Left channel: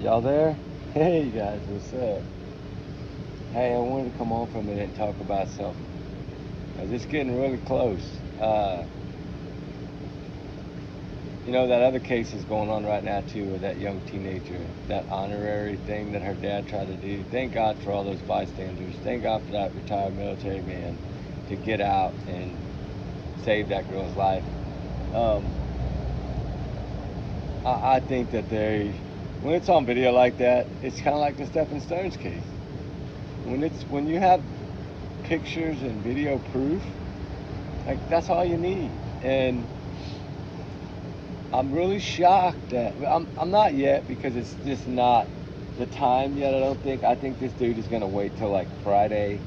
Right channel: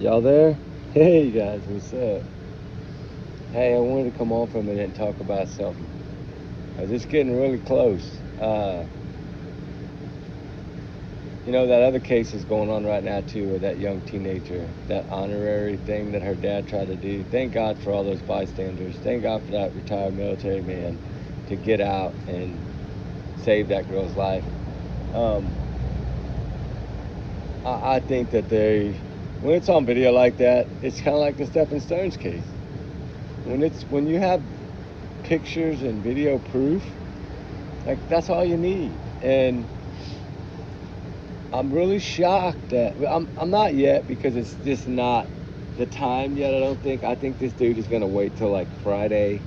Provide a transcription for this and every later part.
Y'all there? Hey guys, what's up? Hey, I wanted to come on for a minute and talk about something. It's getting really close. That other case is going on right now too with that young teenager, that honorary thing that her dad tried to do. Thank God for all those bystanders. Thank God for that retired military man to get out and save that girl's life. I think that when it's on video like that, it's kind of like the Stephen Stone's case. When you have pictures and video proof, like that's all you need. And I'm really shocked. I'm not yet because it's just not the time yet. I think this dude is gonna wait till like Friday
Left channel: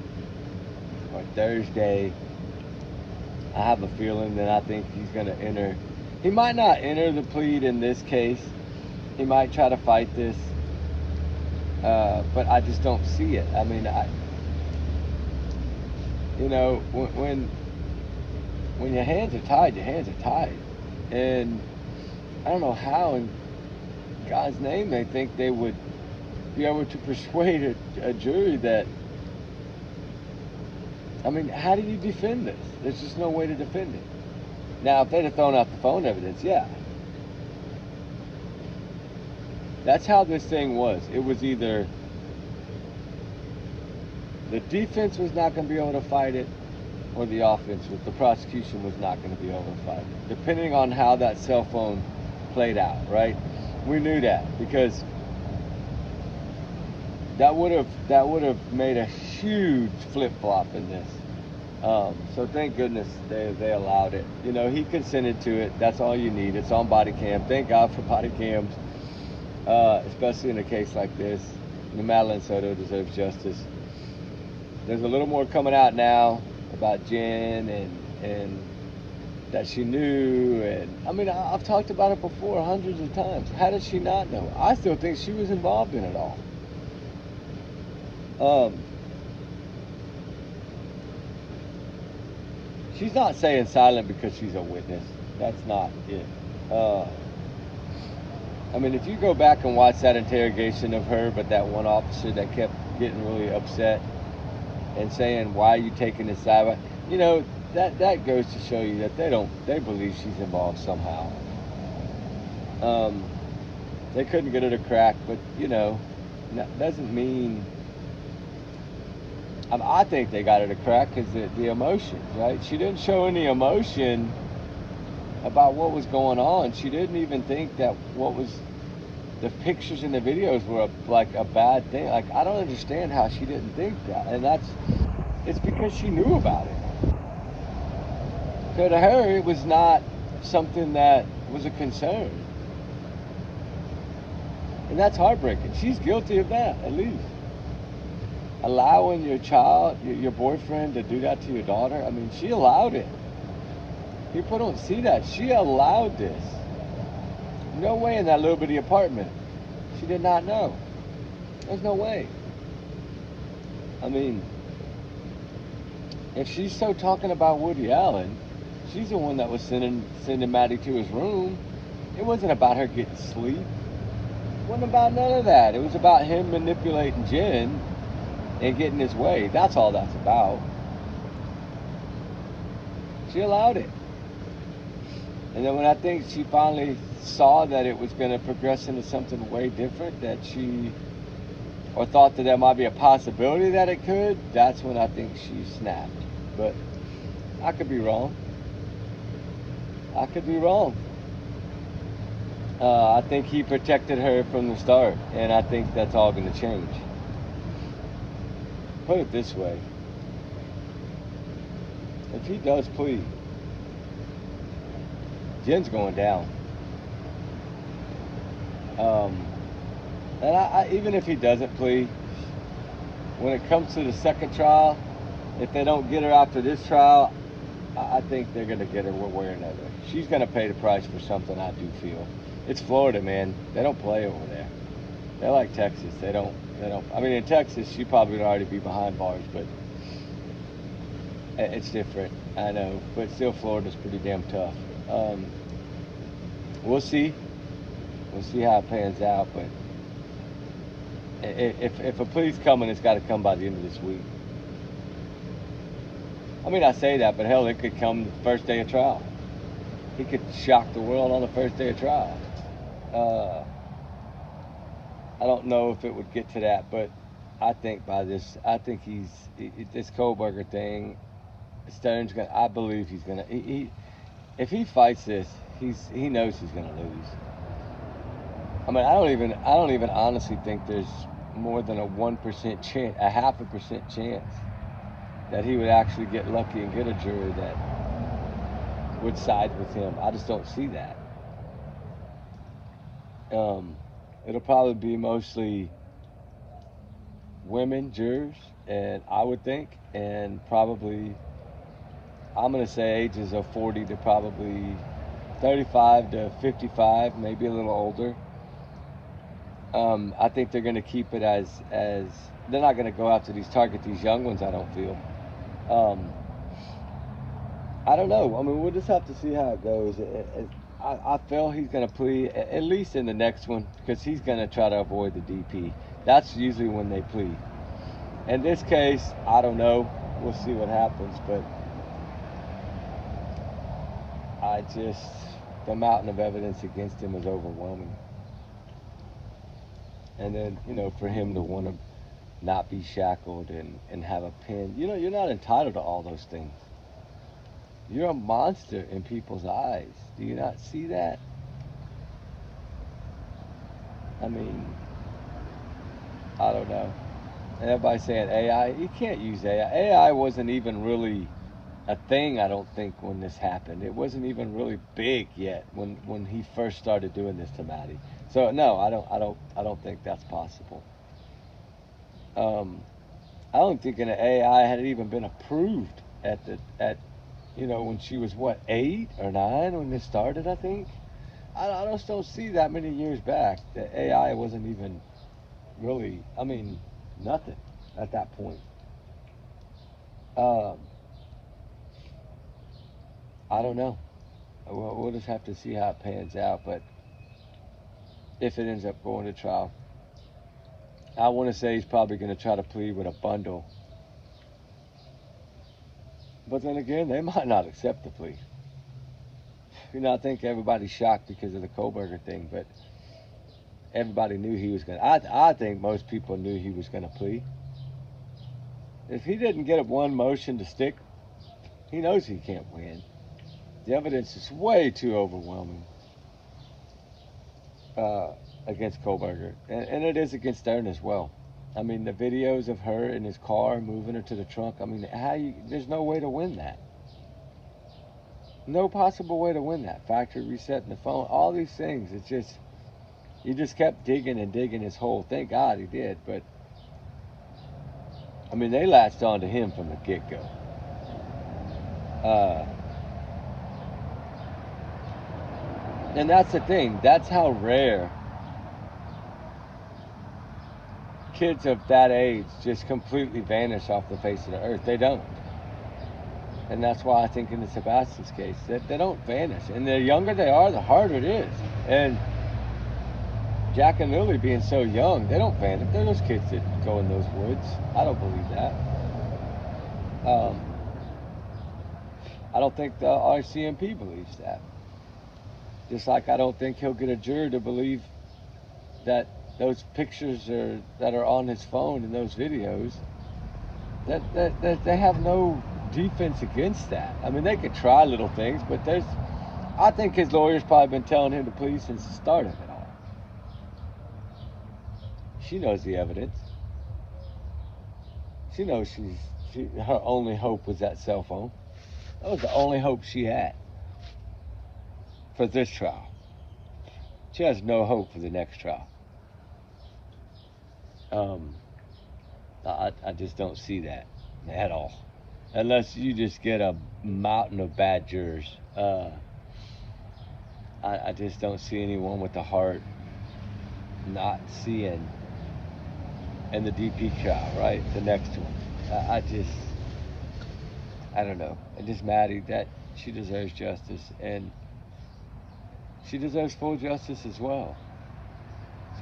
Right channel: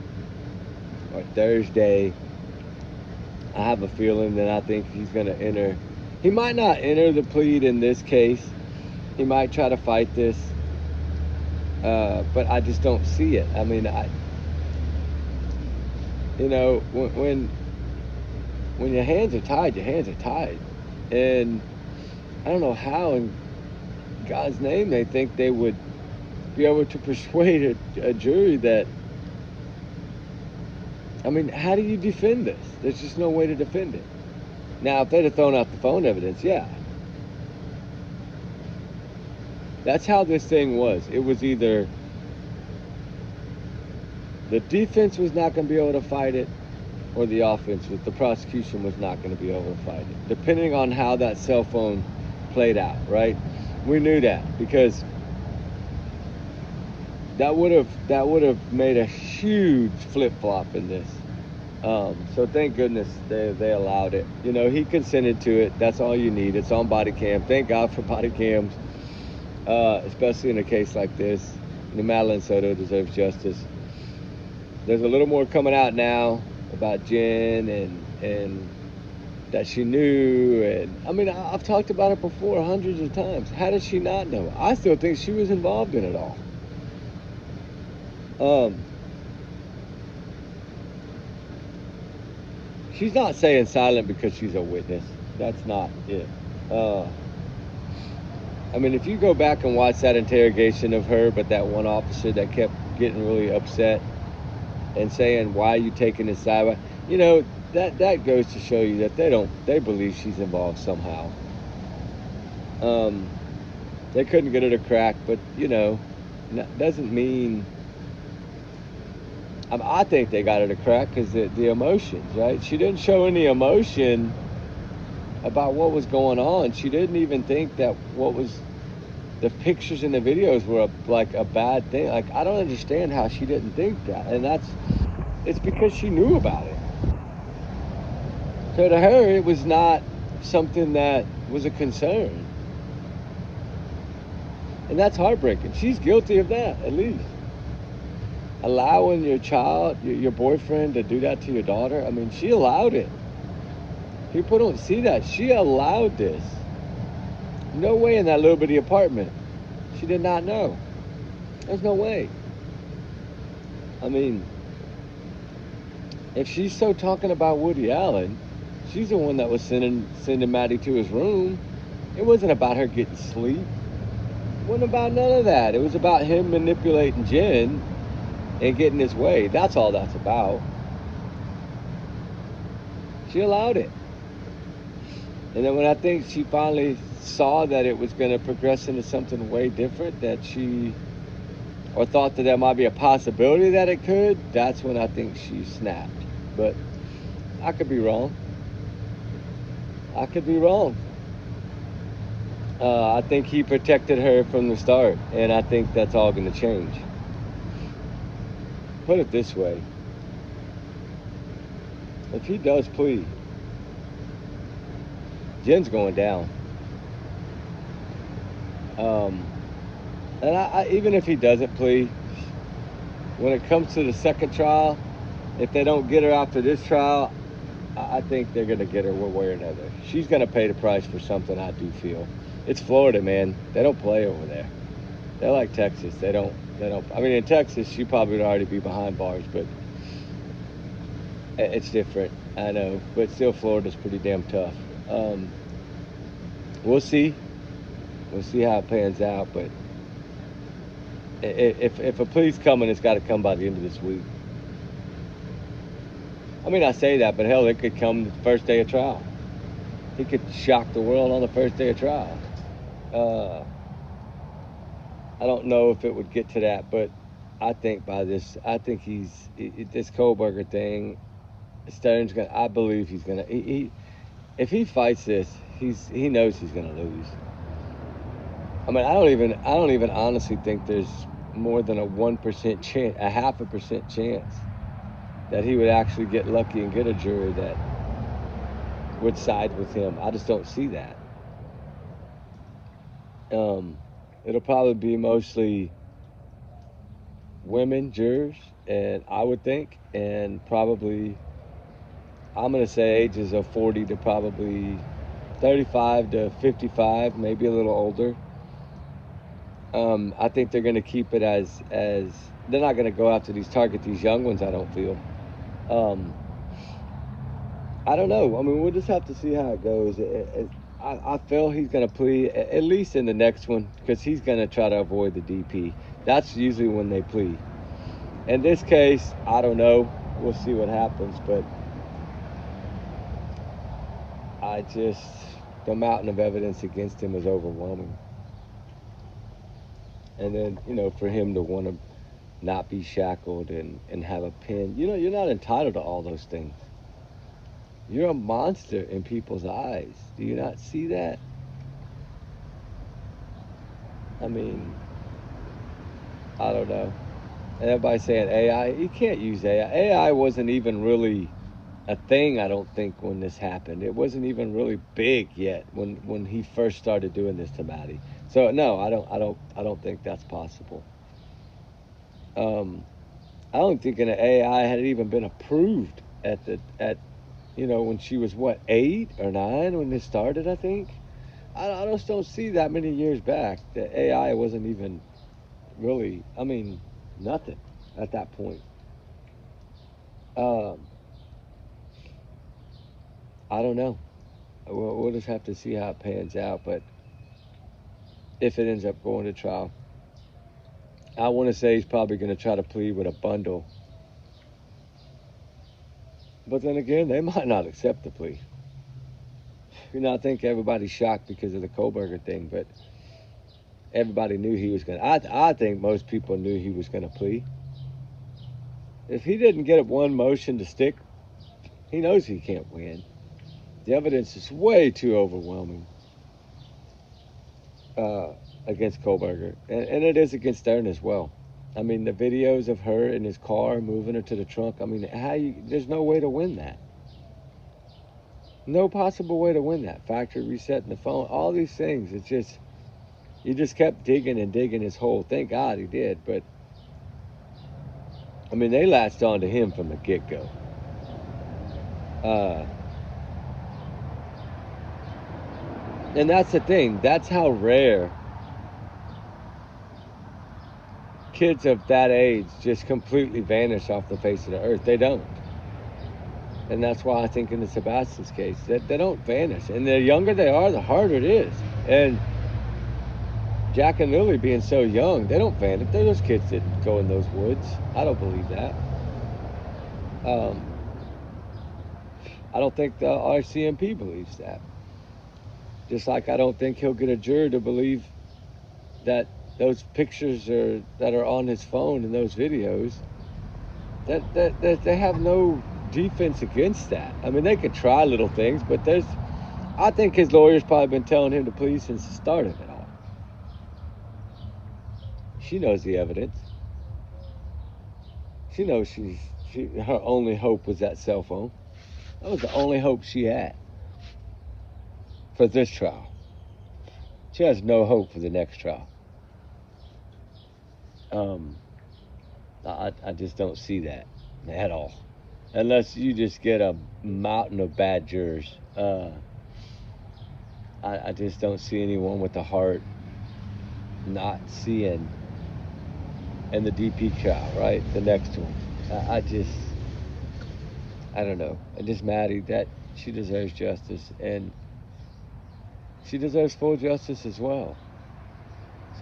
or Thursday. I have a feeling that I think he's gonna enter. He might not enter the plea in this case. He might try to fight this, but I just don't see it. I mean, when your hands are tied, your hands are tied, and I don't know how, in God's name, they think they would be able to persuade a jury that. I mean, how do you defend this? There's just no way to defend it. Now, if they'd have thrown out the phone evidence, yeah. That's how this thing was. It was either the defense was not going to be able to fight it, or the prosecution was not going to be able to fight it, depending on how that cell phone played out, right? We knew that because that would have made a huge flip-flop in this. So thank goodness they allowed it. He consented to it. That's all you need. It's on body cam. Thank God for body cam, especially in a case like this. Maddie Soto deserves justice. There's a little more coming out now about Jen and that she knew. And I mean, I've talked about it before hundreds of times. How does she not know? I still think she was involved in it all. She's not staying silent because she's a witness. That's not it. I mean, if you go back and watch that interrogation of her, but that one officer that kept getting really upset and saying, "Why are you taking this side?" That goes to show you that they believe she's involved somehow. They couldn't get her to crack, but that doesn't mean. I think they got her to crack because the emotions, right? She didn't show any emotion about what was going on. She didn't even think that the pictures and the videos were like a bad thing. Like, I don't understand how she didn't think that. And it's because she knew about it. So to her, it was not something that was a concern. And that's heartbreaking. She's guilty of that, at least. Allowing your child, your boyfriend, to do that to your daughter, I mean, she allowed it. People don't see that. She allowed this. No way in that little bitty apartment. She did not know. There's no way. I mean, if she's so talking about Woody Allen, she's the one that was sending Maddie to his room. It wasn't about her getting sleep. It wasn't about none of that. It was about him manipulating Jen and getting his way. That's all that's about. She allowed it. And then when I think she finally saw that it was going to progress into something way different, or thought that there might be a possibility that it could, that's when I think she snapped. But I could be wrong. I could be wrong. I think he protected her from the start, and I think that's all going to change. Put it this way. If he does plead, Jen's going down. And even if he doesn't plead, when it comes to the second trial, if they don't get her after this trial, I think they're going to get her one way or another. She's going to pay the price for something, I do feel. It's Florida, man. They don't play over there. They're like Texas. They don't. I mean, in Texas, she probably would already be behind bars, but it's different. I know, but still, Florida's pretty damn tough. We'll see. We'll see how it pans out, but If a plea's coming, it's got to come by the end of this week. I mean, I say that, but hell, it could come the first day of trial. He could shock the world on the first day of trial. I don't know if it would get to that, but I think this Kohlberger thing, Stern's gonna. I believe he's gonna. If he fights this, he knows he's gonna lose. I mean, I don't even honestly think there's more than a 1% chance, a 0.5% chance that he would actually get lucky and get a jury that would side with him. I just don't see that. It'll probably be mostly women jurors, and I would think, and probably, I'm going to say ages of 40 to probably 35 to 55, maybe a little older. I think they're going to keep it as they're not going to go after target these young ones, I don't feel. I don't know. I mean, we'll just have to see how it goes. I feel he's going to plea, at least in the next one, because he's going to try to avoid the DP. That's usually when they plea. In this case, I don't know. We'll see what happens, but the mountain of evidence against him was overwhelming. And then, for him to want to not be shackled and have a pin, you're not entitled to all those things. You're a monster in people's eyes. Do you not see that? I mean, I don't know. And everybody's saying AI. You can't use AI. AI wasn't even really a thing, I don't think, when this happened. It wasn't even really big yet when he first started doing this to Maddie. So no, I don't think that's possible. I don't think an AI had even been approved at when she was 8 or 9 when this started. I think I just don't see that many years back that AI wasn't even really. I mean, nothing at that point. I don't know. We'll just have to see how it pans out. But if it ends up going to trial, I want to say he's probably going to try to plead with a bundle. But then again, they might not accept the plea. I think everybody's shocked because of the Kohlberger thing, but everybody knew he was going to. I think most people knew he was going to plea. If he didn't get one motion to stick, he knows he can't win. The evidence is way too overwhelming against Kohlberger, and it is against Stern as well. I mean, the videos of her in his car moving her to the trunk. I mean, there's no way to win that. No possible way to win that. Factory resetting the phone, all these things. It's just, he just kept digging and digging his hole. Thank God he did, but I mean, they latched on to him from the get-go. And that's the thing. That's how rare kids of that age just completely vanish off the face of the earth. They don't. And that's why I think in the Sebastian's case, that they don't vanish. And the younger they are, the harder it is. And Jack and Lily being so young, they don't vanish. Those kids didn't go in those woods. I don't believe that. I don't think the RCMP believes that. Just like I don't think he'll get a juror to believe that those pictures that are on his phone and those videos, that they have no defense against that. I mean, they could try little things, but I think his lawyer's probably been telling him to plead since the start of it all. She knows the evidence. She knows her only hope was that cell phone. That was the only hope she had for this trial. She has no hope for the next trial. I just don't see that at all. Unless you just get a mountain of bad jurors. I just don't see anyone with the heart not seeing in the DP trial, right? The next one. I don't know. And just Maddie, that she deserves justice, and she deserves full justice as well.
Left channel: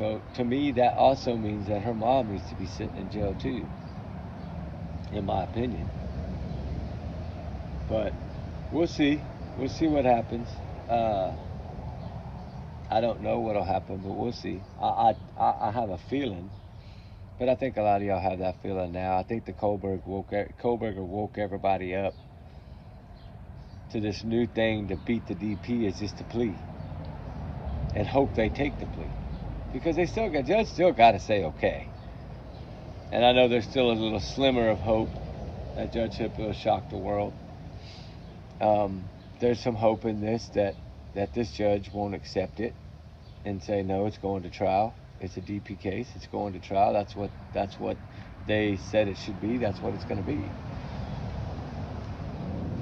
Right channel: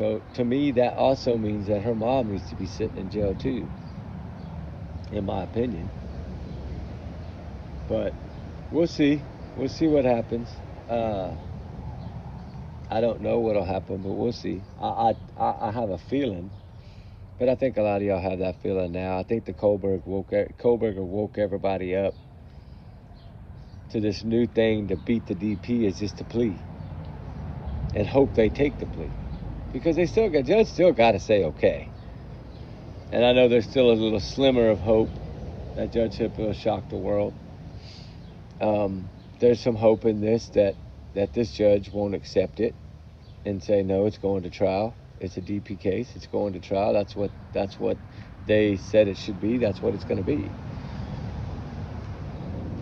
So to me, that also means that her mom needs to be sitting in jail too, in my opinion. But we'll see. We'll see what happens. I don't know what'll happen, but we'll see. I have a feeling, but I think a lot of y'all have that feeling now. I think the Kohlberger woke everybody up to this new thing to beat the DP is just a plea, and hope they take the plea, because judge still got to say okay. And I know there's still a little slimmer of hope that Judge Hip will shock the world. There's some hope in this that this judge won't accept it and say no, it's going to trial. It's a DP case. It's going to trial. That's what they said it should be. That's what it's going to be.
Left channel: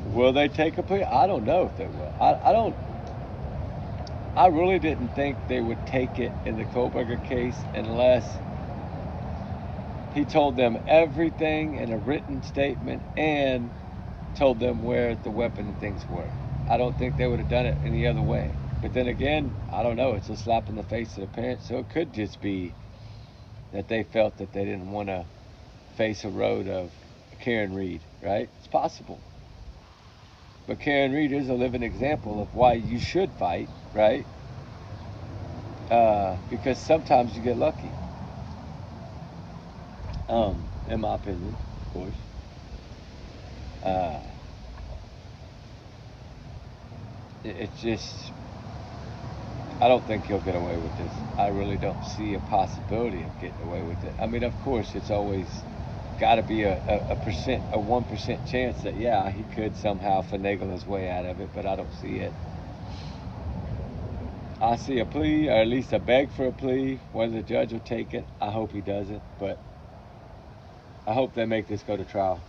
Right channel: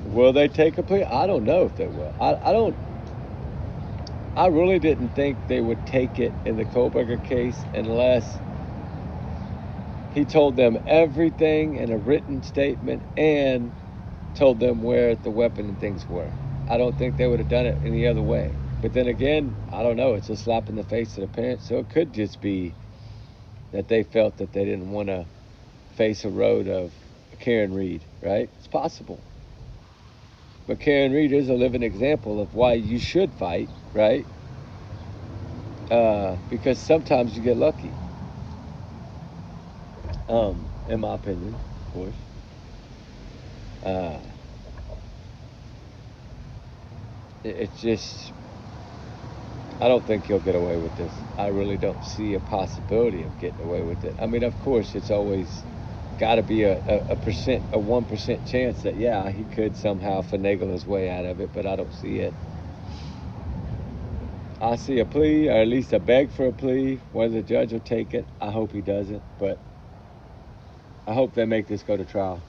Will they take a plea? I don't know if they will. I really didn't think they would take it in the Kohlberger case unless he told them everything in a written statement and told them where the weapon and things were. I don't think they would have done it any other way. But then again, I don't know. It's a slap in the face to the parents. So it could just be that they felt that they didn't want to face a road of Karen Reed, right? It's possible. But Karen Reed is a living example of why you should fight, right? Because sometimes you get lucky. In my opinion, of course. It's just, I don't think he'll get away with this. I really don't see a possibility of getting away with it. I mean, of course, it's always got to be a 1% chance that, yeah, he could somehow finagle his way out of it, but I don't see it. I see a plea, or at least a beg for a plea. Whether the judge will take it, I hope he doesn't, but I hope they make this go to trial.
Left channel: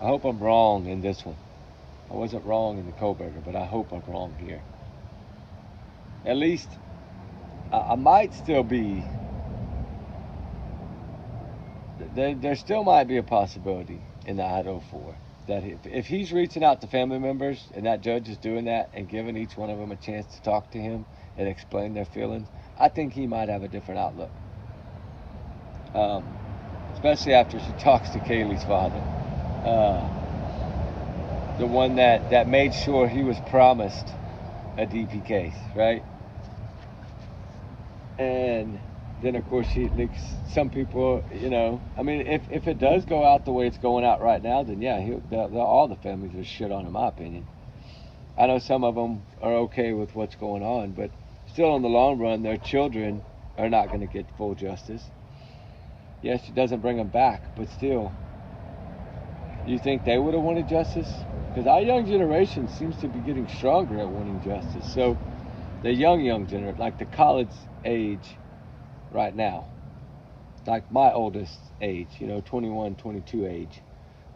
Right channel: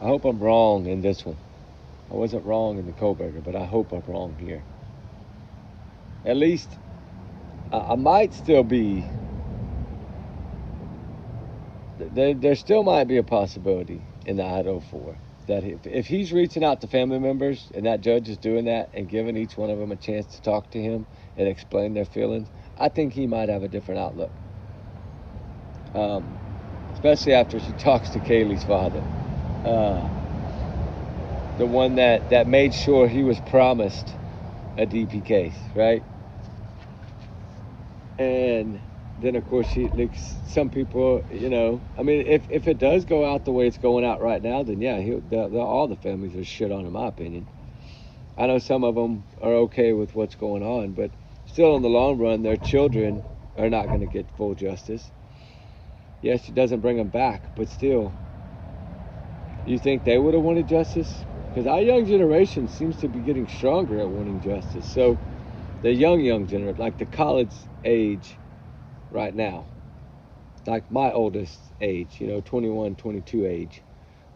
I hope I'm wrong in this one. I wasn't wrong in the Kohlberger, but I hope I'm wrong here. At least, I might still be, there still might be a possibility in the Idaho 4 that if he's reaching out to family members and that judge is doing that and giving each one of them a chance to talk to him and explain their feelings, I think he might have a different outlook. Especially after she talks to Kaylee's father. The one that made sure he was promised a DP case, right? And then, of course, some people, I mean, if it does go out the way it's going out right now, then yeah, all the families are shit on, in my opinion. I know some of them are okay with what's going on, but still in the long run, their children are not going to get full justice. Yes, she doesn't bring them back, but still, you think they would have wanted justice? Because our young generation seems to be getting stronger at wanting justice. So the young generation, like the college age right now, like my oldest age, 21, 22 age,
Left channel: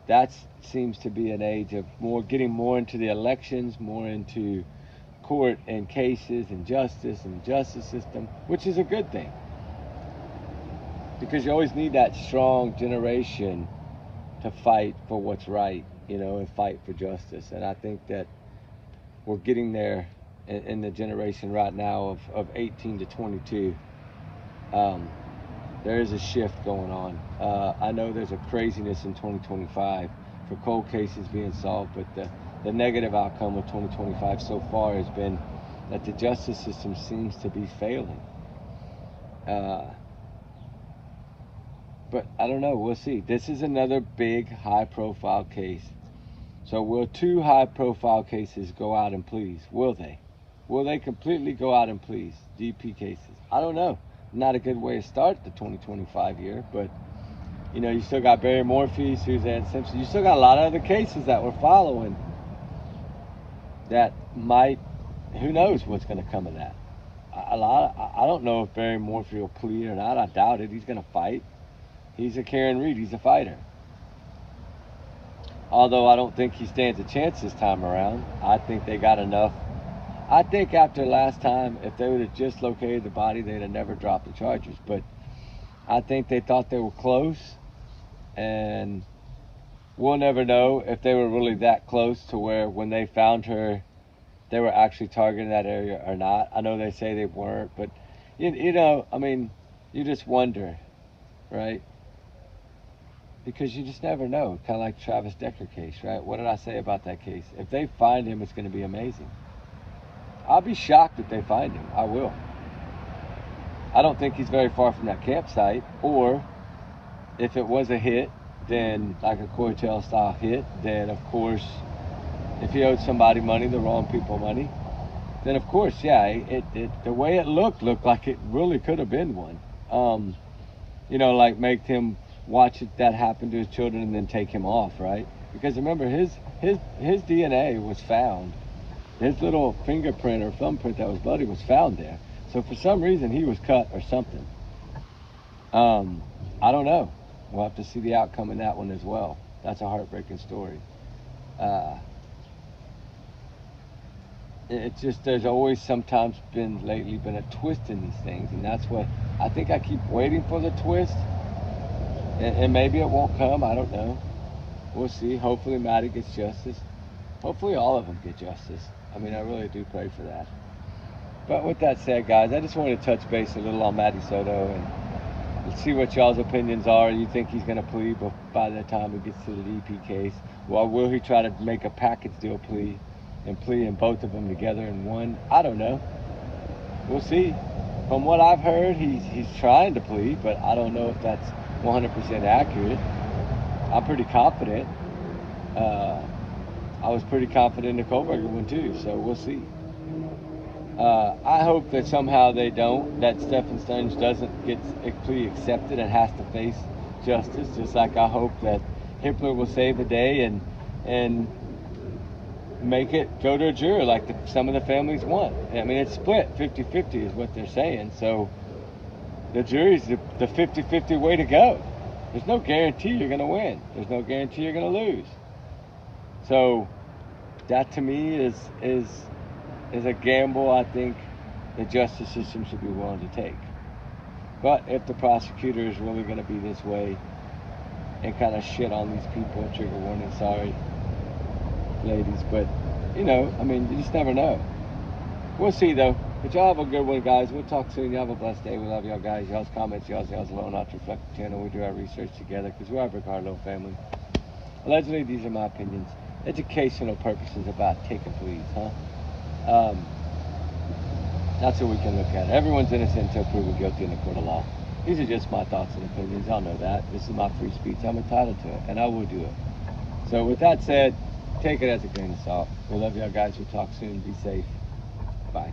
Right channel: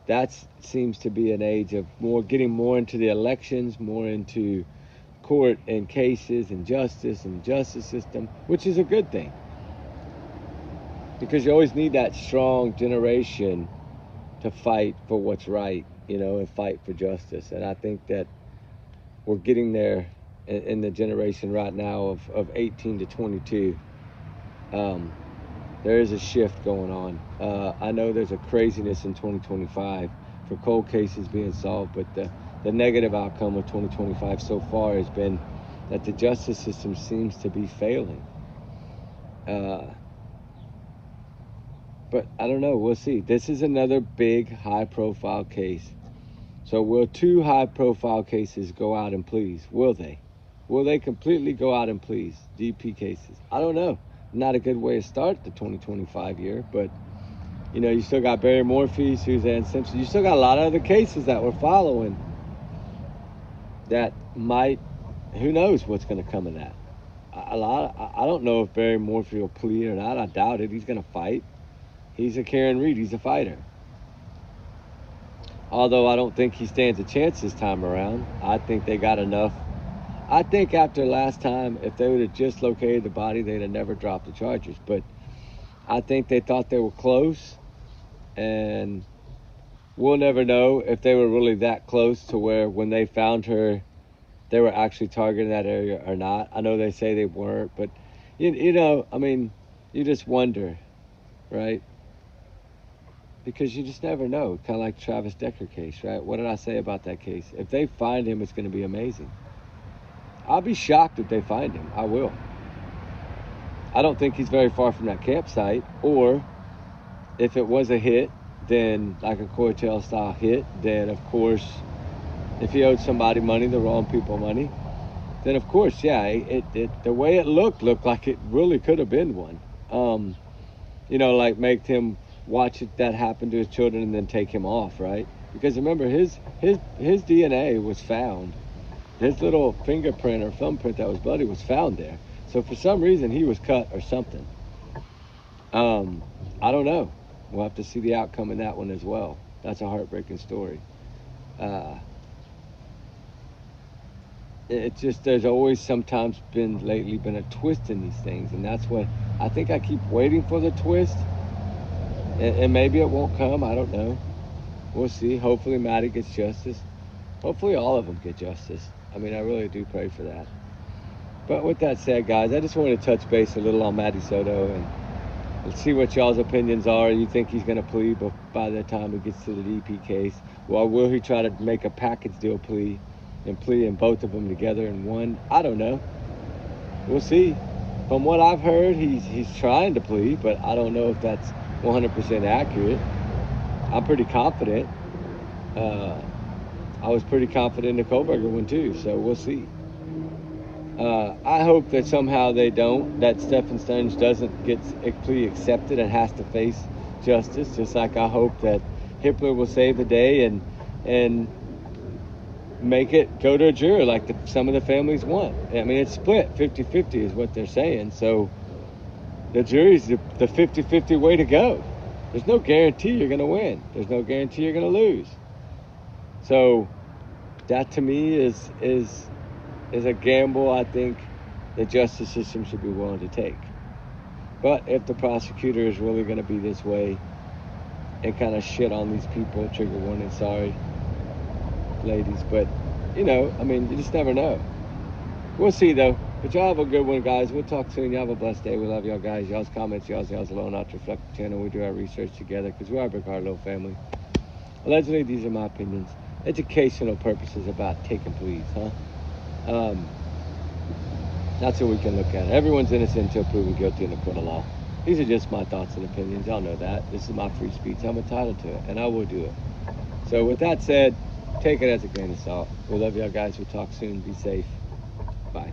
that seems to be an age of getting more into the elections, more into court and cases and justice and the justice system, which is a good thing. Because you always need that strong generation to fight for what's right, and fight for justice. And I think that we're getting there in the generation right now of 18 to 22. There is a shift going on. I know there's a craziness in 2025 for cold cases being solved, but the negative outcome of 2025 so far has been that the justice system seems to be failing. But I don't know. We'll see. This is another big, high-profile case. So will two high-profile cases go out in pleas? Will they? Will they completely go out in pleas, DP cases? I don't know. Not a good way to start the 2025 year, but, you still got Barry Morphy, Suzanne Simpson. You still got a lot of other cases that we're following that might, who knows what's going to come of that. I don't know if Barry Morphy will plead or not. I doubt it. He's going to fight. He's a Karen Reed. He's a fighter. Although I don't think he stands a chance this time around. I think they got enough. I think after last time, if they would have just located the body, they'd have never dropped the charges. But I think they thought they were close. And we'll never know if they were really that close to where when they found her, they were actually targeting that area or not. I know they say they weren't. But, I mean, you just wonder, right? Because you just never know. Kind of like Travis Decker case, right? What did I say about that case? If they find him, it's going to be amazing. I'll be shocked if they find him. I will. I don't think he's very far from that campsite. Or if it was a hit, then like a Courtell style hit, then of course, if he owed somebody money, the wrong people money, then of course, yeah, the way it looked like it really could have been one. Like make him watch that happen to his children and then take him off, right? Because remember, his DNA was found. His little fingerprint or thumbprint that was bloody was found there. So for some reason, he was cut or something. I don't know. We'll have to see the outcome in that one as well. That's a heartbreaking story. It's just, there's always sometimes lately been a twist in these things. And that's what, I think I keep waiting for the twist. And maybe it won't come, I don't know. We'll see. Hopefully Maddie gets justice. Hopefully all of them get justice. I mean, I really do pray for that. But with that said, guys, I just wanted to touch base a little on Maddie Soto and see what y'all's opinions are. You think he's going to plea by the time he gets to the DP case? Or will he try to make a package deal plea and plea in both of them together in one? I don't know. We'll see. From what I've heard, he's trying to plea, but I don't know if that's 100% accurate. I'm pretty confident. I was pretty confident in the Kohlberger one too, so we'll see. I hope that somehow they don't, that Stephen Stunge doesn't get a plea accepted and has to face justice, just like I hope that Hippler will save the day and make it go to a jury like some of the families want. I mean, it's split 50-50 is what they're saying, so the jury's the 50-50 way to go. There's no guarantee you're going to win. There's no guarantee you're going to lose. So that to me is a gamble I think the justice system should be willing to take. But if the prosecutor is really going to be this way and kind of shit on these people, trigger warning, sorry, ladies, but I mean, you just never know. We'll see though. But y'all have a good one, guys. We'll talk soon. Y'all have a blessed day. We love y'all guys. Y'all's comments, y'all's alone, not to reflect the channel. We do our research together because we are a big heart little family. Allegedly, these are my opinions. Educational purposes about taking pleas, huh? That's what we can look at. Everyone's innocent until proven guilty in the court of law. These are just my thoughts and opinions. Y'all know that. This is my free speech. I'm entitled to it, and I will do it. So with that said, take it as a grain of salt. We love y'all guys. We'll talk soon. Be safe. Bye.